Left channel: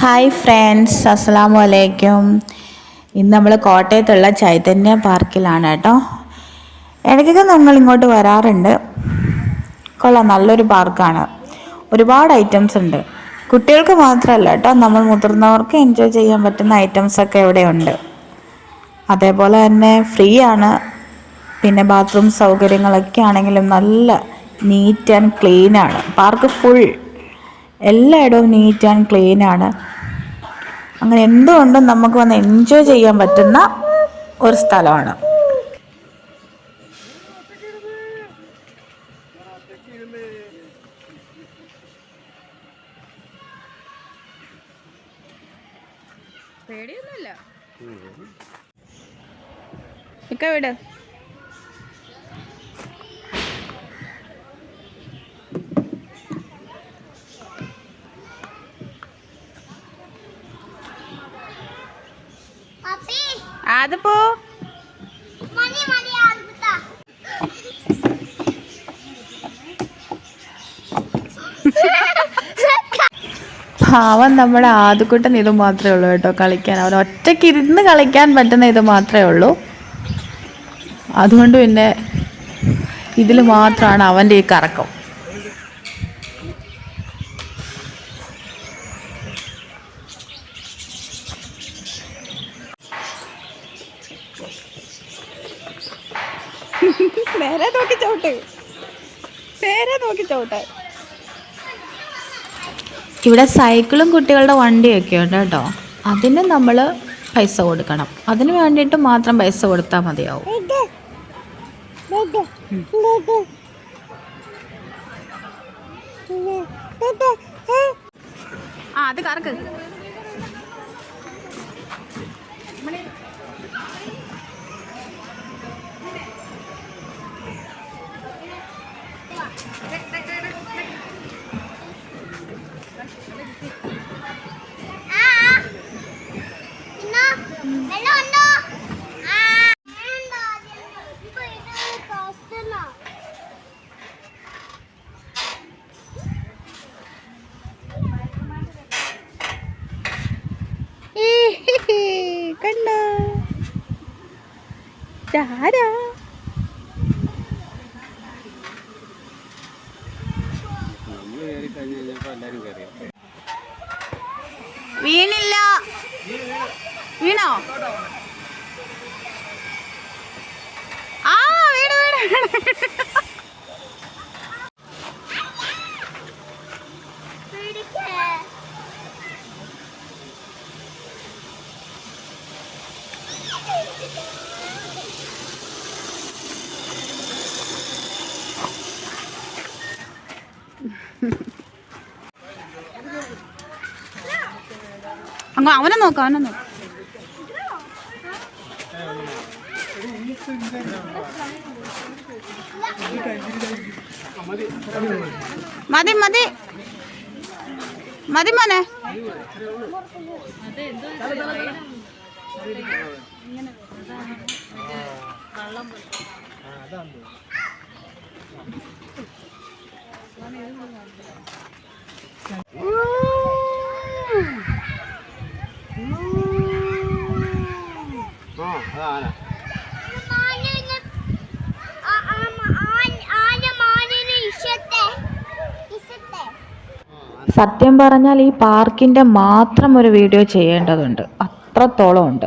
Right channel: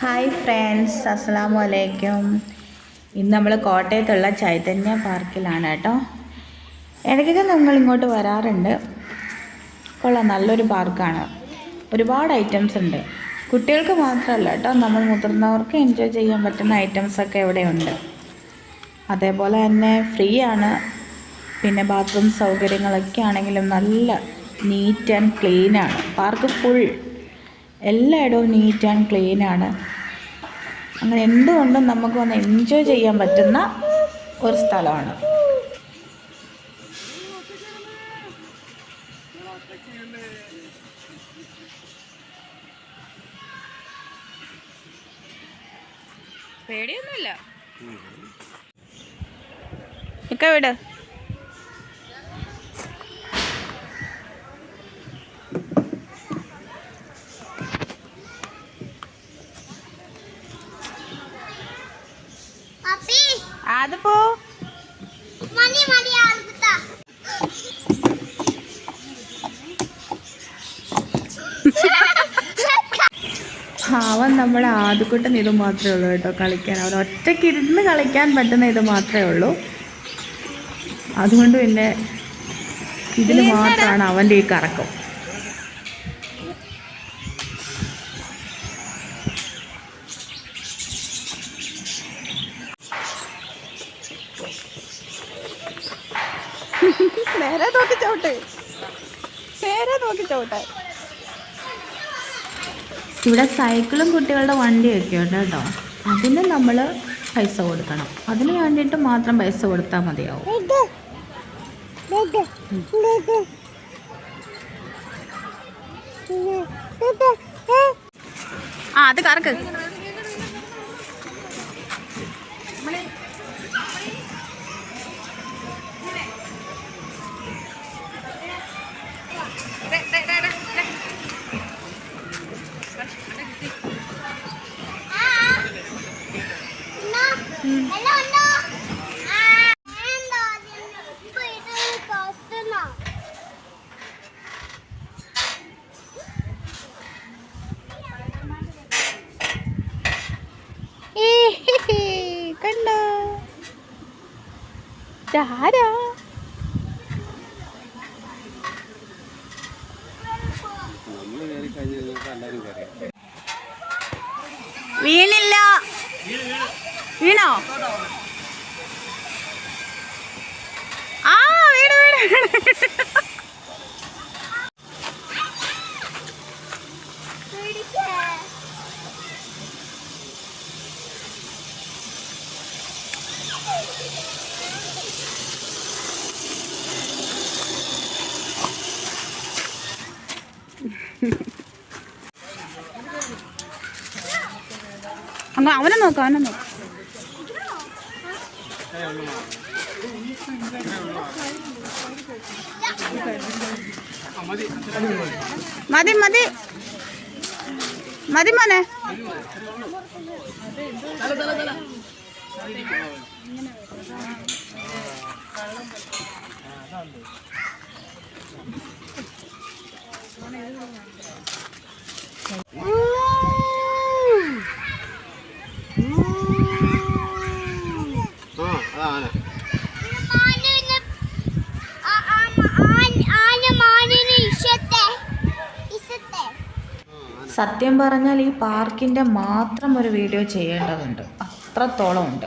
Hi friends, അസ്സലാമു അലൈക്കും. ഇന്ന് നമ്മൾ കോട്ടയത്തുള്ള ചൈതന്യ പാർക്കിലാണ് കേട്ടോ. ഇടയ്ക്കൊക്കെ നമ്മൾ ഇങ്ങോട്ട് വരാറുണ്ട്. കൊള്ളാം, നല്ലൊരു പാർക്കാണ്. ഒരുപാട് ഐറ്റംസ് ഉണ്ട്. കുട്ടികൾക്ക് മാത്രമല്ല കേട്ടോ, നമ്മൾ മുതിർന്നവർക്ക് എൻജോയ് ചെയ്യാൻ പറ്റുന്ന ഐറ്റംസൊക്കെ ഇവിടെ ഉണ്ട്. അതേപോലെ തന്നെ ഫ്രീ ആണ്. പിന്നെ ബാത്റൂം സൗകര്യങ്ങളൊക്കെ ആണെങ്കിലും നല്ല നീറ്റ് ആൻഡ് ക്ലീൻ ആണ്. പാർക്ക് ഫുൾ എല്ലായിടവും നീറ്റ് ആൻഡ് ക്ലീൻ ആണ്. അങ്ങനെ എന്തുകൊണ്ടും നമുക്ക് വന്ന് എൻജോയ് ചെയ്യാൻ പറ്റുന്ന ഒരു സ്ഥലമാണ്. പേടിയൊന്നുമില്ല. ഇക്ക വിട്. അത് പോ. പാവം നമ്മുടെ ആദ്യക്കുട്ടൻ ഇത് മാത്രമേ ഉള്ളൂ കേട്ടോ കളിക്കാൻ. അവൻ ഒറ്റയ്ക്ക് ഇരുന്ന് കളിക്കാൻ പറ്റുന്ന ഇത് മാത്രമേ ഉള്ളൂ. അതുകൊണ്ട് പിന്നെ ഇതിൽ മാത്രമാണ് അവൻ്റെ ഈ കറക്കം. നേരെ നോക്കി ചവിട്ട്, നേരെ നോക്കി ചവിട്ട്. ഇവിടെ സൈക്കിളും കുട്ടികളുടെ വണ്ടിയൊക്കെ ഉണ്ട് കേട്ടോ. അതിന് നമ്മൾ പൈസ കൊടുക്കണം. അതിന് വേണ്ടിയിട്ട് മാത്രം പൈസ കൊടുത്താൽ മതിയാവും. അത് കറക്ക്. കണ്ടോ ആരാ? വീണില്ല. വീണോ? ആ വീട് വീട്. അങ്ങ് അവനെ നോക്കാം, അവനെ നോക്കാം. മതി മതി മതി മോനെ. സത്യം പറഞ്ഞാൽ ഈ പാർക്കിൻ്റെ മാത്രം ഒരു വീഡിയോ ചെയ്യേണ്ടതുണ്ട്. അത്രത്തോളം ഉണ്ട്.